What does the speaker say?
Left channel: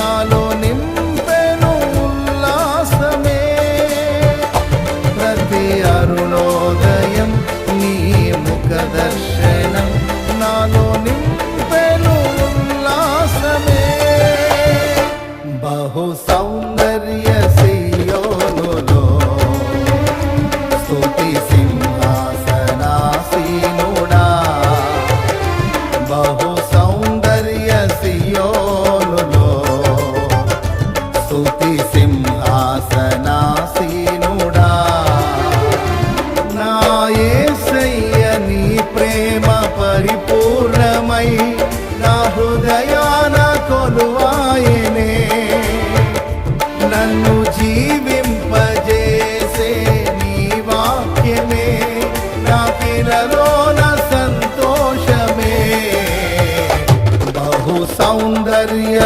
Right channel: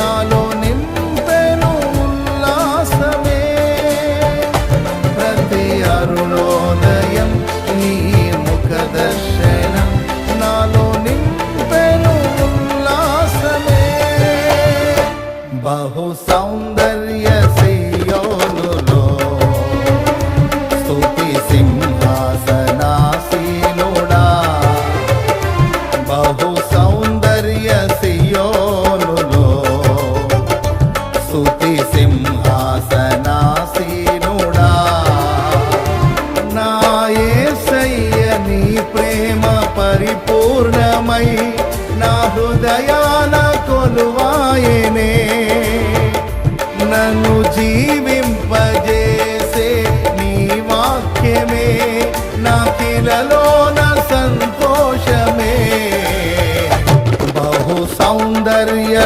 నాలో నింపెను ఉల్లాసమే. ప్రతి అరుణోదయం నీ ముఖ దర్శనం నాలో నింపెను ఉల్లాసమే. బహు సౌందర్య సియోనులో స్తుతి సింహాసనాసీనుడా. బహు సౌందర్య సియోనులో స్తుతి సింహాసనాసీనుడా. నా యేసయ్య నీ ప్రేమ పరిపూర్ణమై నా హృదయాన కొలువాయనే. నన్ను జీవింపజేసే నీ వాక్యమే నాకిలలోన సంతోషమే. బహు సౌందర్య